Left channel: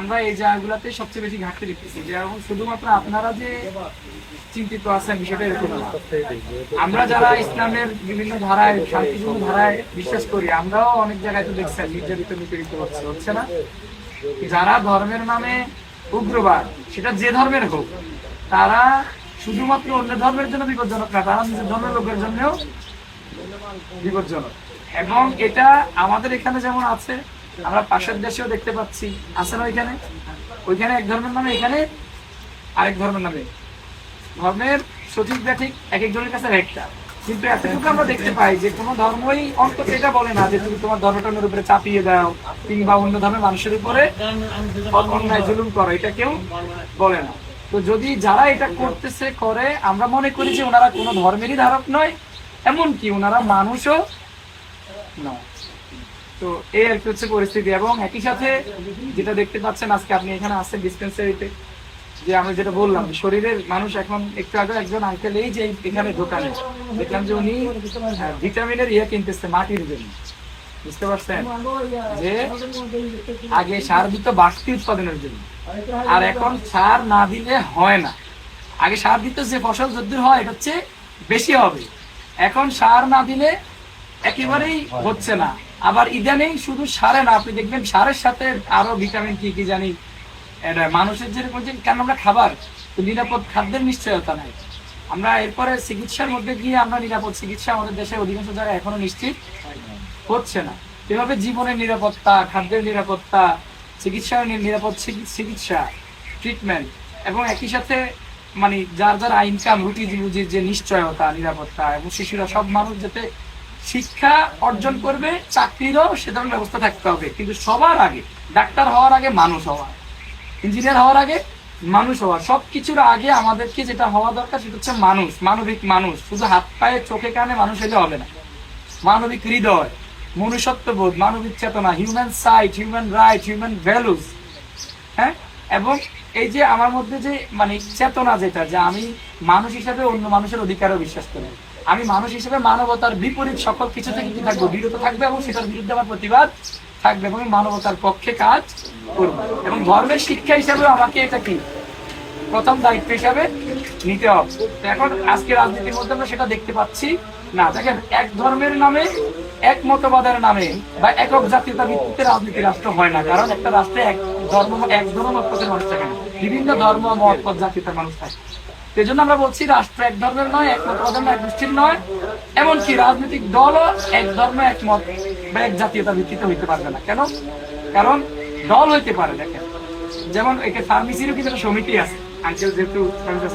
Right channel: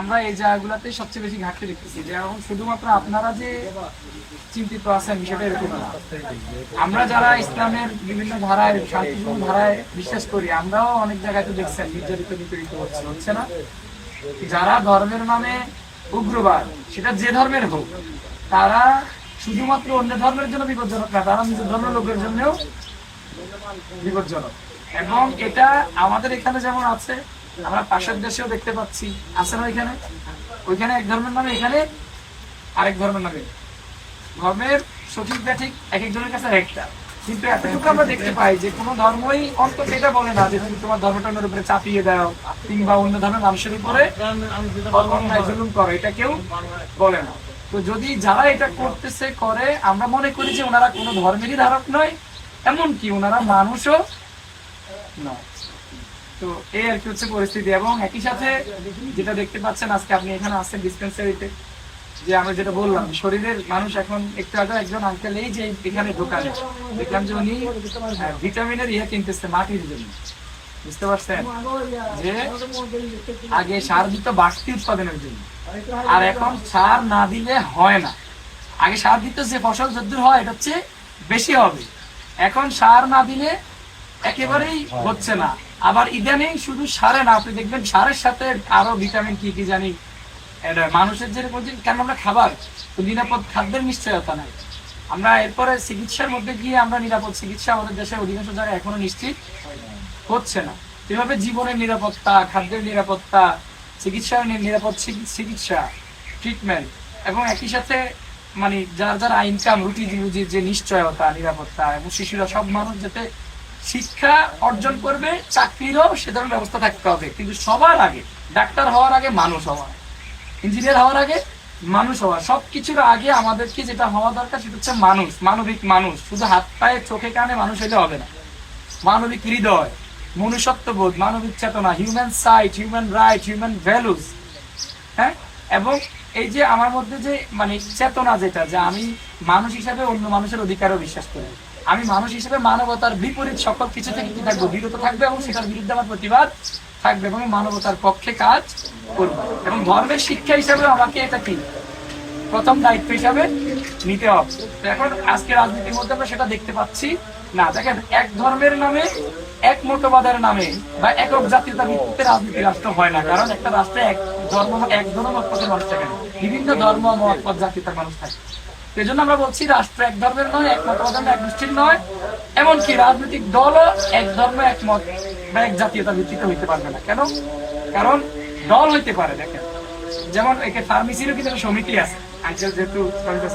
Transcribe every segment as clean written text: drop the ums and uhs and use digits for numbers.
আমরা এই জায়গাগুলোতে সবচেয়ে বেশি ঘাটতি দেখতেছি, যেমন শুধুমাত্র আপনারা যে চিন্তিত আছেন বিষয়টা এরকম না। আমরা যারা ইসলামের বিভিন্ন ধারায়, শান্তিপূর্ণ ধারায় বিশ্বাস করি, আমরাও অনেক জায়গায় তো দেখছেন নির্যাতিত নিপীড়িত হচ্ছে না? যারা ধর্মের নামে উগ্রবাদ, সেটা যে ধর্মের হোক, তারা শুধুমাত্র অন্য ধর্মের জন্য বিপজ্জনক না, তারা নিজের ধর্মের লোকের জন্যও বিপজ্জনক। এবং এটা আমাদের এখানে যেমন আছে, আমরা পাশের দেশেও দেখতে পাচ্ছি, আছে না? ওইখানে এক ধর্মের নামে, এখানে আরেক ধর্মের নামে। ধর্মের সঠিক ব্যাঠিক এক একজনের কাছে একটা, কিন্তু এতটুকু আমরা দেখতে পাই যে কোনো ধর্মই অন্তত এটা বলে না যে তুমি তোমার ধর্মটার উপরে চাপিয়ে দাও কিংবা অন্য ধর্মের মানুষের উপরে অন্যায় জুলুম করো, এটা কেউ বলে না। তো যদি যারা এটা করতেছে করে, আমরা মনে করি যে ওনারা কোনো ধর্মেরই ধারক নয়, এমনকি ওনারা মানুষও নয়। তো এই আর কি হচ্ছে পরিস্থিতি। এবং একই সাথে যেটা দেখতে পাচ্ছেন, আজকে আপনি এখানে আসছেন ডিসপেন্সারিতে, যে আমরা যেটা বললাম শরীরের মানুষ এখন একটু আগে একজন আঙ্কেল এই যে এখানে দোকানে দেখলাম যে উনি ভিটামিনের কিনতেছে মাটির জন্য। বুঝতে পারছেন যে আগে সার দিত বাড়তি উৎপাদনের জন্য, আর এখন সার না দিলে হয় না। আগে সার দিত যে ফসল যদ্দূর হয় এটা হচ্ছে বেশি হবে, এখন সার না দিলে একেবারেই হচ্ছে না। আবার ইদানিং শুধু সারে না, আপনি দেখবেন সারের সাথে আরো ভিটামিন কি কি জানি মানুষের যেরকম, কেন আমরা খাবার তো নিরাপদ খাদ্যের নিশ্চয়তা নাই। আমরা এরপরে চিকিৎসার মধ্যে গিয়ে আমরা নিরাপদ চিকিৎসা আমাদের দেশের অধিকাংশ জায়গায় এখনো নিশ্চিত হচ্ছে না। এভাবে জীবনের নিরাপত্তা, খাদ্যের নিরাপত্তা, চিকিৎসার নিরাপদ চিকিৎসা ট্রিটমেন্ট, এবং একই সাথে মানে যার যার ইনকাম রুটি রুজির যে নিশ্চয়তা, নিরাপত্তা, এবং শিশুরা সব মানুষ যাতে শিক্ষা অর্জন করবে, চাকরিরও সে ধরনের ব্যবস্থা থাকতে হবে। কিন্তু সবার আগে ডাক্তার হওয়ার আগে মানুষ হওয়া, ইঞ্জিনিয়ার হওয়ার আগে মানুষ হওয়া, সবকিছুর আগে আমাদেরকে যেটা হওয়া দরকার সেটা হচ্ছে মানুষ, মানবিক মানুষ। শুধু হাত পায়ে চোখে কানে মানুষ হলে হবে না, মানবিক হৃদয়, মনুষ্যত্ববোধ, মানবিক চেতনা, human sight, human right, human values. হ্যাঁ, এবং এই যে আমার মধ্যে যে মানে চেতনা, যেটা যে আমি মানুষ হিসাবে অন্য মানুষের অধিকারও বিশ্বাস করি, আমি মানুষ হিসেবে মানবতার বিপরীত সকল কিছু থেকে কি থাকবো, বিরত থাকবে, এবং সেটার বিরুদ্ধে আমার প্রতিবাদ থাকবে, এবং মানবতার পক্ষে কাজ করবো। এবং ধর্মের শিক্ষা হিসাবে আমাকে এটা কি প্রথম দায়িত্ব হিসাবে নিতে হবে। এখন আজকে রাজনীতির মধ্যে আমরা সেটা দেখতে পাচ্ছি না। দেখেন, এক ধর্মের নামে, এক মতবাদের নামে বা একক জাতীয়তার ভিত্তিতে রাজনীতি রাষ্ট্র হয় না। কারণ একটা রাষ্ট্রে এক ধর্ম, এক ধর্মমতের মানুষ থাকে না, বিভিন্ন ধর্ম মত জাতীয়তার মানুষ থাকে। এই জন্য আমরা বলছি রাষ্ট্র এক ধর্মের নয়, এক মতবাদের নয়, এক গোষ্ঠীর নয়, এমনকি রাজনৈতিক দলও এক ধর্ম, এক মত বা এক জাতীয়তার ভিত্তিতে হইতে পারবে না। কেন? কারণ দল হইতে পারে। দেখেন, যেমন একে ফার্মেসিরও কিন্তু একটা সমিতি আছে, আঙ্কেল যেহেতু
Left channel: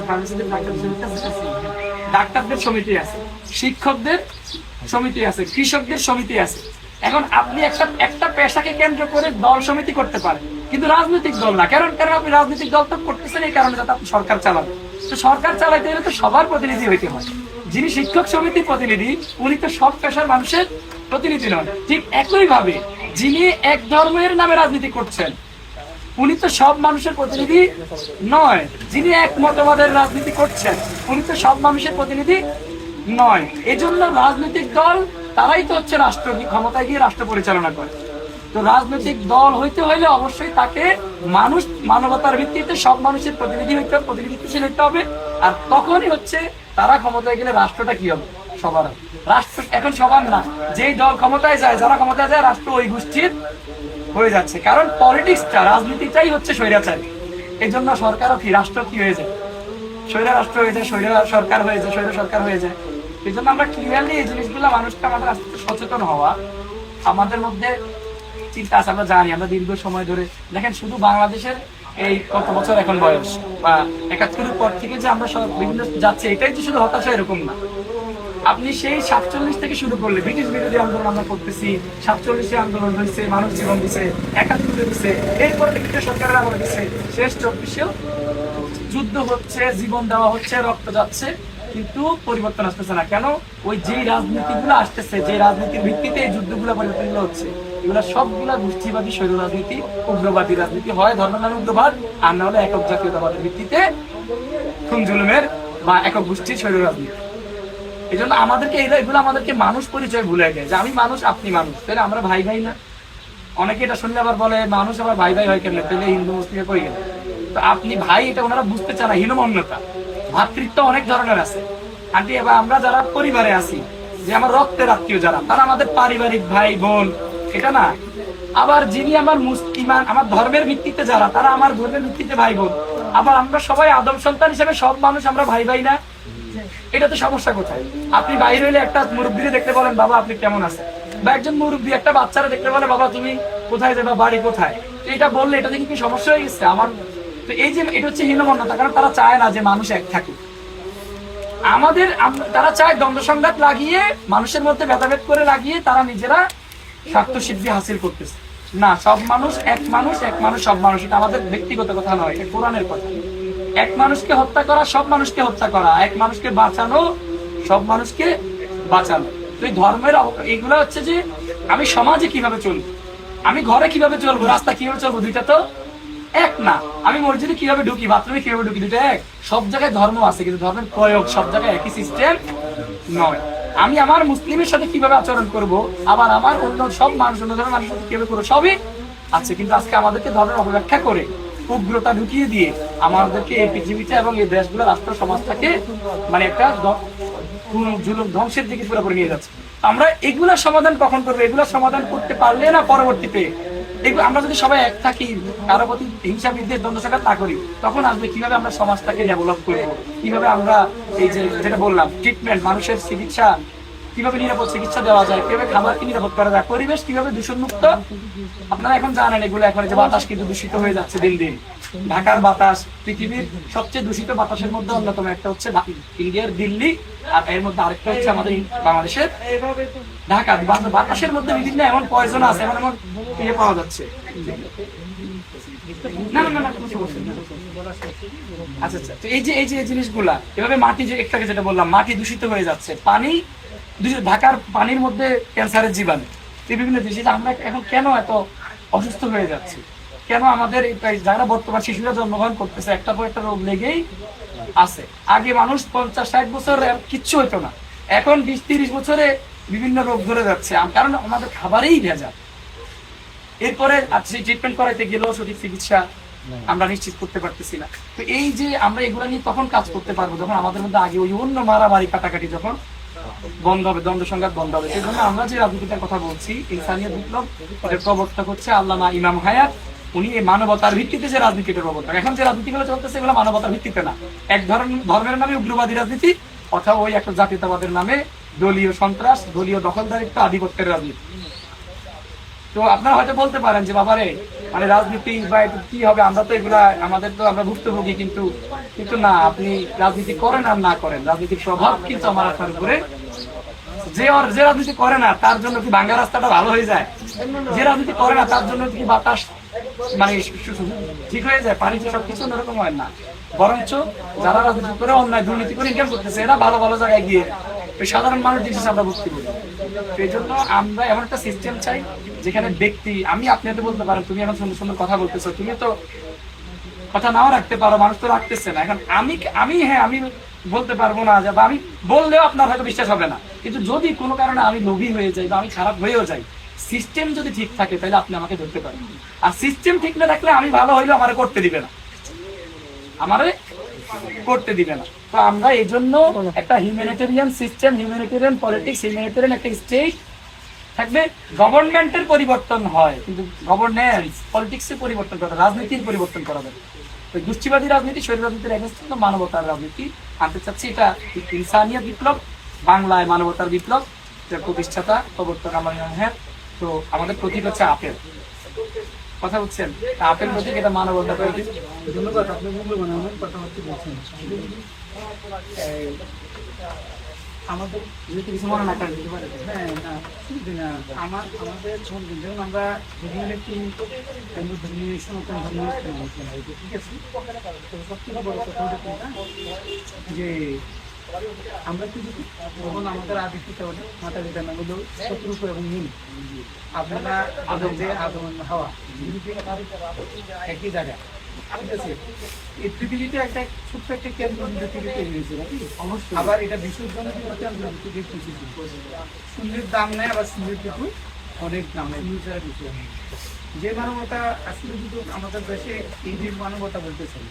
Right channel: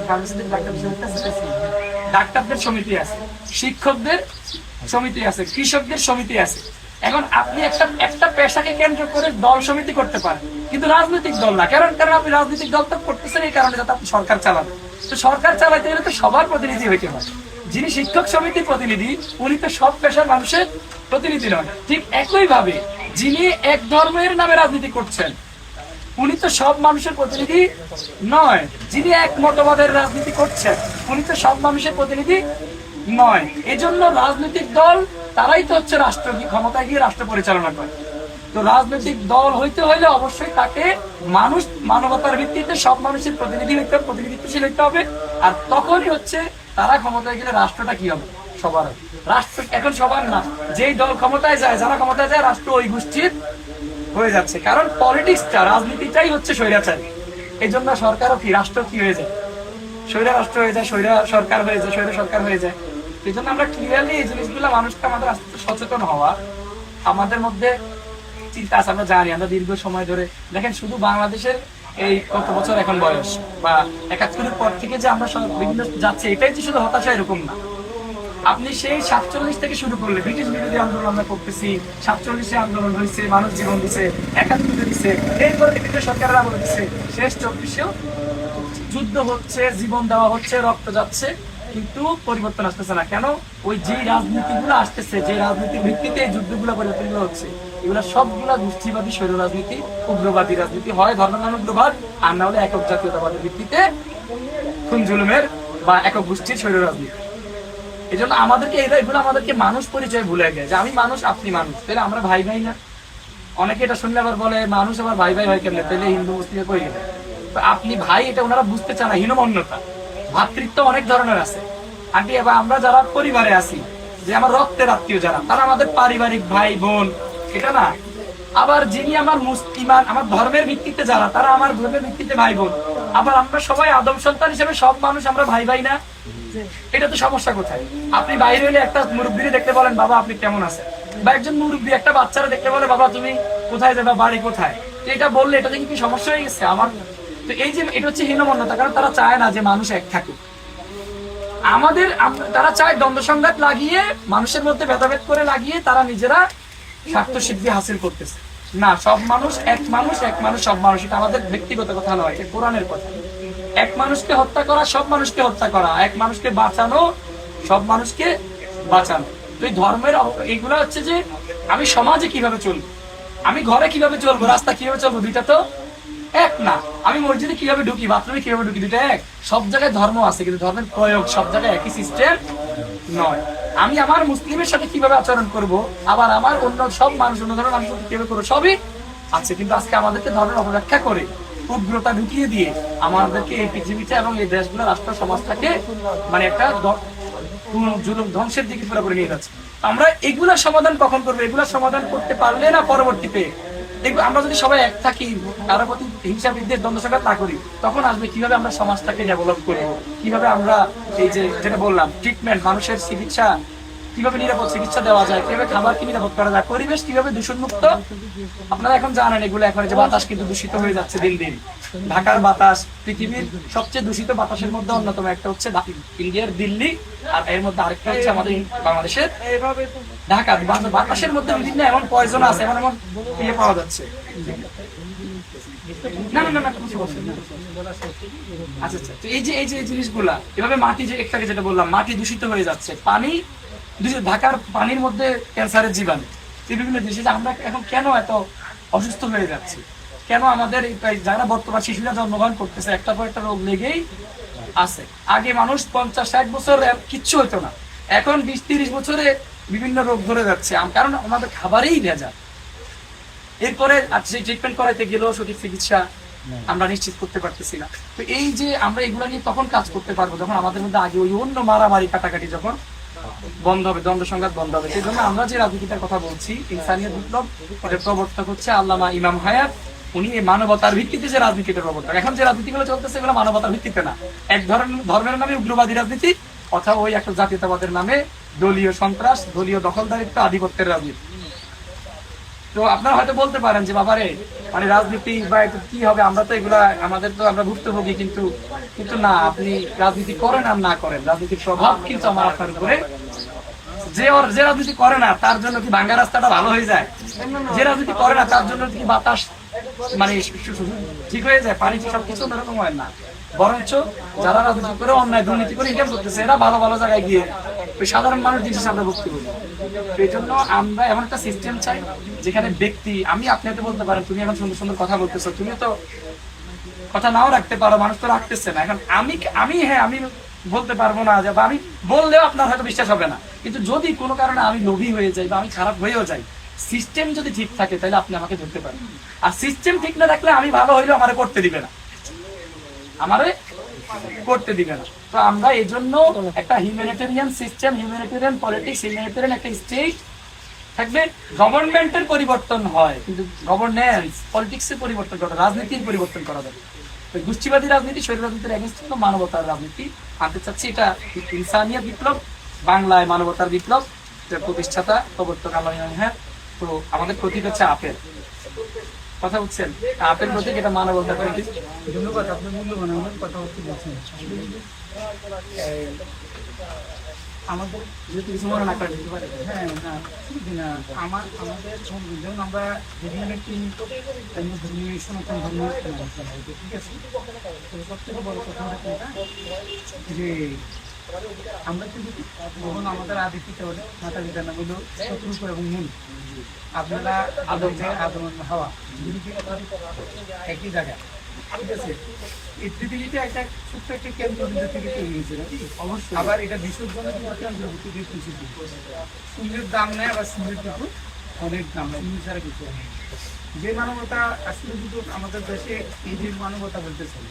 ফার্মেসিদের ডাক্তারদের সমিতি আছে, শিক্ষকদের সমিতি আছে, কৃষকদের সমিতি আছে। এখন আপনি একটা পেশাকে কেন্দ্র করে দল সমিতি করতে পারেন, কিন্তু রাজনৈতিক দল না। কারণ আপনি রাজনৈতিক দল তো করতেছেন এই কারণে যাতে আপনি সরকার চালাবেন। তো সরকার চালাইতে গেলে তো সবার প্রতিনিধি হইতে হয়। যিনি শিক্ষক সমিতির প্রতিনিধি, উনি তো সব পেশার মানুষের প্রতিনিধি নয়। ঠিক একই ভাবে যিনি এক ধর্মের নামে রাজনীতি করছেন, উনি তো সব মানুষের প্রতিনিধি নয়। যিনি এক মতবাদের রাজনীতি করছেন, উনি তো সব মানুষের প্রতিনিধি নয়। এজন্য রাজনৈতিক দল তারাই তো হচ্ছে রাষ্ট্র ক্ষমতায় গিয়ে রাষ্ট্র পরিচালনা করে। তো রাজনৈতিক দল হইতে হইলে অবশ্যই তাকে মানুষ, মানবতার ভিত্তিতে সব মানুষের প্রতিনিধিত্বশীল হইতে হবে। আর তখনই হচ্ছে তারা ক্ষমতায় গেলে রাষ্ট্রটা কি হবে, সবার হবে। রাষ্ট্র এখন সবার না, যেই দল ক্ষমতায় যায়, যারা ক্ষমতায় যায়, রাষ্ট্র ওই গোষ্ঠীর হয়ে যাচ্ছে। কারণ পলিটিক্সটা, রাজনীতিটাই হচ্ছে স্বৈরাচারী। এই জন্য সরকারও কি, রাষ্ট্র কি হয়ে যায়, স্বৈরা রাষ্ট্র হয়ে যায়, স্বৈরা সরকার হয়ে যায়, স্বৈরা সরকার হয়ে যায়। এই জন্য আমরা ক্লিয়ারলি এই জিনিসগুলো মানুষকে আমাদের আস্তে আস্তে সচেতন হওয়া, আমাদের মধ্যে চিন্তা আছে। আমরা জানি, আমরা দীর্ঘ সময় ধরে দেখেন, শুধু বাংলাদেশের এই কত বছর এখন বয়স বা ৭১-এর পর থেকে যে আমরা সব বিভিন্ন যাচ্ছে, এটাই যে শুধু হতাশা এরকম না। আপনি সেই ৪৭ থেকে শুরু করলে ব্রিটিশ বিরোধী আন্দোলন আমরা করতেছি, ৪৭-এ আন্দোলন হয়েছে, মানুষ জীবন দিচ্ছে, ৭১-এ দিচ্ছে, এরপরে ব্রিটিশ সরকারের আমলে দিচ্ছে, শেষ ২৪-এও যুদ্ধ হচ্ছে, জীবন দেওয়া হচ্ছে, রক্ত যাচ্ছে, কিন্তু পরিবর্তন আসতেছে না। কেন? ওই যে রাজনীতিগুলো আসতেছে, যে রাজনীতির ভিত্তিতে এই যুদ্ধগুলো পরিবর্তন হচ্ছে, এগুলো সবগুলা গোষ্ঠীবাদী স্বৈর রাজনীতি, উগ্রবাদী রাজনীতি। হয় ধর্মের নামে উগ্রবাদ, আর না হলে একক জাতীয়তাবাদের ভিত্তিতে খুন জুলুমের বা একক গোষ্ঠীর স্বৈর রাজনীতি। এই জন্য আমাদেরকে এগুলো আমাদেরকে মানুষ পরিচয় ভুলে গেছে, যে আমি মানুষ, আপনি মানুষ, তাহলে আমরা ভাই ভাই না? অনেকে এটা শুনলে আবার বলে মানুষ আবার ভাই ভাই হয় কেন, তাহলে হিন্দু মুসলিমে কই গেল। তো আপনি ভাই, এটা ওনারা বুঝতে চান না, হীনমন্যতা। ভাতৃত্ব অনেক ধরনের আছে আন্টি। এবার আমরা যারা পরিবারে আছি, যে আমার রক্তের আত্মীয় যারা, তারা আমাদের পারিবারিক ভাই বোন, এটা না। আবার যিনি আমার মুসলিম, আমার ধর্মের ভিত্তিতে যারা, তারা আমার ধর্মের ভিত্তিতে ভাই বোন। আবার আমরা সবাই আদম সন্তান হিসেবে সব মানুষ আমরা ভাই ভাই না? এটা তো সমস্যা কোথায়? আপনি বাইরে হইলে একটা মুরব্বীরে দেখতে বলেন বাবা আপনি কেমন আছেন, বা একজন মুরব্বী একটা বাচ্চারা দেখতে বলে বাবা তুমি কোথায় যাবে, বাড়ি কোথায়, এটা বললে এটা কি সমস্যা হয়ে গেছে আমার? তো এই যে এটা হচ্ছে হীনমন্যতা, কারণ তারা চায় না যে মানুষ এক থাকে। তারা চায় দ্বন্দ্ব সংঘাত লাগিয়ে, মানুষের মধ্যে ভেদাভেদ করে লাগিয়ে তারা নিজেরা স্বার্থ সিদ্ধি হাসিল করতেছে। না, সব মানুষ এক মানুষ, এক মানুষ সব মানুষ, এটা আমাদের ব্যক্তিগত কথা নয়, এটা কোরআনের কথা। এক মানুষকে হত্যা করা সব মানুষকে হত্যা করা, এক মানুষকে বাঁচানো সব মানুষকে বাঁচানো। তো এই ধর্মের এইগুলা হচ্ছে যে আমি সমাজে কিভাবে চলবো, আমি ঘরে কিভাবে চলবো, রাস্তা কিভাবে চলবো, দুইটা তো এক না। আমি মসজিদে কিভাবে ঢুকি, বাথরুমে কিভাবে ঢুকি, দুইটা এক। সব জায়গায় ধর্ম আছে, কিন্তু ধর্মের প্রয়োগ সব জায়গায় একই সিস্টেম নয়। আমি আমার মুসলিমের সাথে কিভাবে আচরণ করব, আবার আমার অন্য সব মানুষ, অন্য ধর্মের মানুষের সাথে কিভাবে করবো, সবই আছে। কিন্তু আজকে আমাদেরকে ধর্মের অপব্যাখ্যা করে, উগ্রতা ঢুকিয়ে দিয়ে আমাদেরকে এই পৃথিবীটা এবং এই দেশগুলো, রাষ্ট্র সমাজটাকে মানে একটা জুলুম ধ্বংসের দিকে পুরোপুরি নিয়ে যাচ্ছে। আমরা এগুলার সমাধান কখন করবো? এগুলার সমাধান করতে পারলে না পরবর্তীতে আমরা যদি সবাই এক থাকি, কারো প্রতি হিংসা বিদ্বেষ দ্বন্দ্ব সংঘাত না করি, তখন আসবে কিভাবে আমরা সমাজটাকে ডেভেলপ করবো, কিভাবে আমরা এই যে যেটা বললাম ট্রিটমেন্ট, মানুষের চিকিৎসা কিভাবে নিরাপদ চিকিৎসা দেওয়া যায়, কিভাবে খাবারকে নিরাপদ করা যায়, পরিবেশ কিভাবে দূষণ মুক্ত। আপনারা এখন জানেন এগুলো, এখন যে বাতাস কিন্তু দূষিত হয়ে যাচ্ছে দিন দিন। ঢাকার বাতাস পৃথিবীর সবচেয়ে দূষিত বাতাসের মধ্যে অন্যতম একটা হচ্ছে ইন্ডিয়ার দিল্লি, আর এর মধ্যে আরেকটা হচ্ছে আমাদের বাংলাদেশের ঢাকা। বাতাসের মধ্যে বিভিন্ন এমন পয়জন আছে, এমন এমন ইয়ে পাওয়া যাচ্ছে। না না না, আচ্ছা আচ্ছা, এই যে জিনিসগুলা এভাবে মাটি, যে একটাকে যেটা বললাম, মাটি দূষিত হয়ে যাচ্ছে, পানি দূষিত, ঢাকার পানির মধ্যে ক্যান্সারের জীবাণু, বিভিন্ন জিনিস। আমরা এখন কেন এত অসুস্থ হয়ে যাচ্ছে? কেন আমাদের যারা বর্তমান শিশুরা জন্মগ্রহণ করতেছে একটার পর একটা রোগ লেগেই আছে। আগে মানুষ 50-60 বছর কিচ্ছু হতো না, এখন 20-30 বছরে বিভিন্ন রোগ ধরে যাচ্ছে, কারণ আমাদের খাবারেই ভেজাল। এরপরে ট্রিটমেন্ট করাইতে গেলেও সঠিক চিকিৎসা আমরা নিশ্চিত করতে পারতেছি না। তো এই যে আমরা এগুলো নিয়ে তখন কাজ করতে পারবো যখন আমাদের মধ্যে আগে ওই অন্য মারামারি কাটাকাটি যখন বন্ধ হবে, দ্বন্দ্ব সংঘাত বন্ধ হবে। সেই জন্য আমরা যে রাজনীতিটার কথা বলছি, ইনসানিয়ত বিপ্লব, এর প্রবর্তক হচ্ছে আল্লামা ইমাম হায়াত। উনি এই মানবতার ভিত্তিতে যে রাজনীতির প্রবর্তক। এখন যে রাজনীতিগুলো চলতেছে এগুলো মানবতার ভিত্তিতে না, এক ধর্মের নামে উগ্রবাদী রাজনীতি, অথবা ওই একটা জাতীয়তাবাদের নামে দলীয় সন্ত্রাস, দলীয় দখলদারিত্ব, আধিপত্যের রাজনীতি। তো আপনারা হয়তো বলতে পারেন যে বাবারে মানে রাজনীতি বা কি হবে, আমরা তো এগুলা আমাদের তো আমরা ভুক্তভোগী, কিন্তু কিন্তু না, আপনি রাজনীতি করেন আর না করেন, রাজনীতির প্রভাব কিন্তু আমার আপনার উপরে। যে রাজনীতি করে না তার জন্য কি ভাঙ্গা রাস্তাটা ভালো হয়ে যায়? যে রাজনীতি করে না তার জন্য কি বাতাস মানে ঠিক হয়ে যায়? পানি তো সবকিছু এরকম হয় না, বরঞ্চ যারা রাজনীতি করে অন্যায় দুর্নীতি করে ইনকাম করতেছে, এরা ভালো ভালো জায়গায় গিয়ে সাধারণ মানুষ জিনিস আমরা ভুক্তি করি। এই জন্য আমরা এমন একটা সিস্টেম চাই যেখানে ব্যক্তি, আপনি হয়তো বলতে পারেন তুমি এখন সুন্দর সুন্দর কথা বলতেছো, তুমি তো কথা নাও রাখতে পারো, মানুষ তো রাখতেছে না। এখন আমি বলতে পারবো না, যে আমি বললেও আপনার হয়তো বিশ্বাস হবে না, কিন্তু যদি কোনো কারণে আমি লোভী হয়ে যাই বা আমি খারাপ হয়েও যাই, সিস্টেম যদি ঠিক থাকে তাহলে আপনি আমাকে ধরতে পারেন। আর সিস্টেম ঠিক না থাকলে আমি ভালো হইলেও আমারে করতে দিবে না, আমারে করতে দিবে না। তো আমরা এই জন্য একটা humanitarian system, humanitarian politics, humanitarian একটা স্টেট থাকবে। গভর্নমেন্টের পরিবর্তন হয়, কিন্তু গভর্নেন্স পলিটিক্সের পরিবর্তন করা, রাজনীতির পরিবর্তন করা যাবে। গোষ্ঠীবাদী রাজনীতি, শরীর রাজনীতির এগেইনস্ট মানবতার রাজনীতি আনতে চাচ্ছি। এটা ইনসানিয়ত বিপ্লব, বাংলায় মানবতার বিপ্লব, প্রতিষ্ঠাতা প্রবর্তক আল্লামা ইমাম হায়াত। তো আমাদের প্রতীক হচ্ছে আপেল, কথা বলছেন, আপেল প্রতীক, এটা মানবতার প্রতীক। ধন্যবাদ, আপনি মূল্যবান আমার কথাবার্তা বলছেন। আমাদের কিছু মনে না করেন দিতে পারে? হ্যাঁ, না আমাদের যেমন আমরা বিভিন্ন ব্যক্তি অন্য ধর্মীয় সনাতন ধর্ম, ঠিক আছে, তো সবথেকে বড় কথা হচ্ছে যে আমরা কিন্তু যখন আমাদের আদি পিতা মাতা পিতার নাম হলো শত্রুপ এবং নুন, আপনারা আদম যে আদম হাওয়া একই জায়গা, ঠিক আছে। এই পৃথিবীতে একটা ছোট্ট একটা কেন্দ্র থেকে তৈরি হয়েছে নাকি? অবশ্যই। আবার এটা বিসর্জনের কেন্দ্র থেকে সূর্যের দাম নেই, আবার সূর্যের টুকু অনেক ফিউচারের বিষয়। যে মানবতা আসলে যদি আমাদের দেশে এই যে মানবতা বলতেছেন,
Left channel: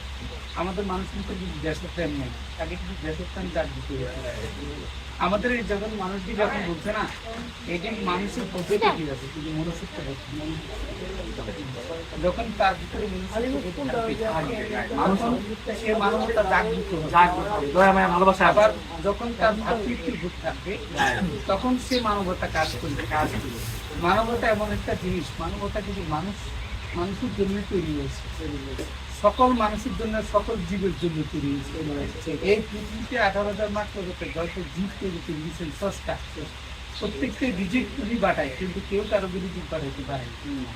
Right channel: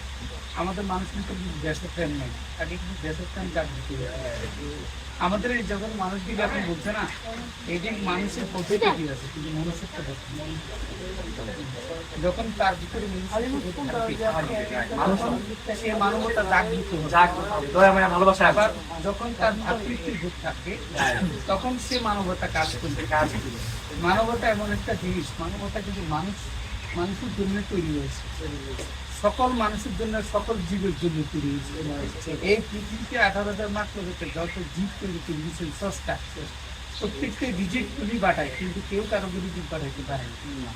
আমাদের মানুষ কিন্তু দেশপ্রেম নেই, আগে কিন্তু দেশপ্রেম জাগ্রত হয়েছে। আমাদের এই যখন মানুষগুলো এখন বলছে না, এই যে মানুষের পদ্ধতি কি আছে, কিন্তু মনুষ্যত্ব যখন তার ভিতরে সে মানবতা জাগ্রত হবে, দয়াময় ভালোবাসা আবার যখন তার ভাতৃত্বের বোধ থাকবে তখন সে মানবতা কাজ করবে। মানবতা এমন একটা জিনিস, মানবতা কিন্তু মানুষের জন্য তৈরি হয়েছে, সকল মানুষের জন্য, সকল জীবের জন্য তৈরি হয়েছে। এই পৃথিবীতে 18,000 মাত্র যত জীব তৈরি করেছেন স্রষ্টা, প্রত্যেককে রিজিক উনি বাটায়, কিন্তু কেউ কারো রিজিক বাটাইতে পারে না।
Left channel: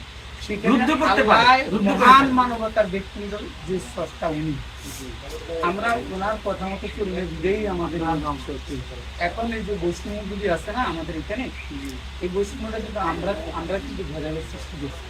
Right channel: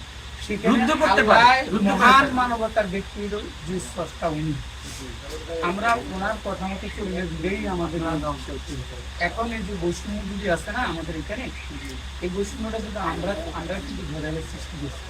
মহান মানবতার ব্যক্তি হল যে স্রষ্টা উনি। আমরা ওনার কথা মতো চলে দিলেই আমাদের ধ্বংস হচ্ছে। এখন এই যে বৈষম্যগুলি আছে না আমাদের এখানে, এই বৈষম্যটা কিন্তু আমরা কিন্তু ভেজালের সৃষ্টি করছি।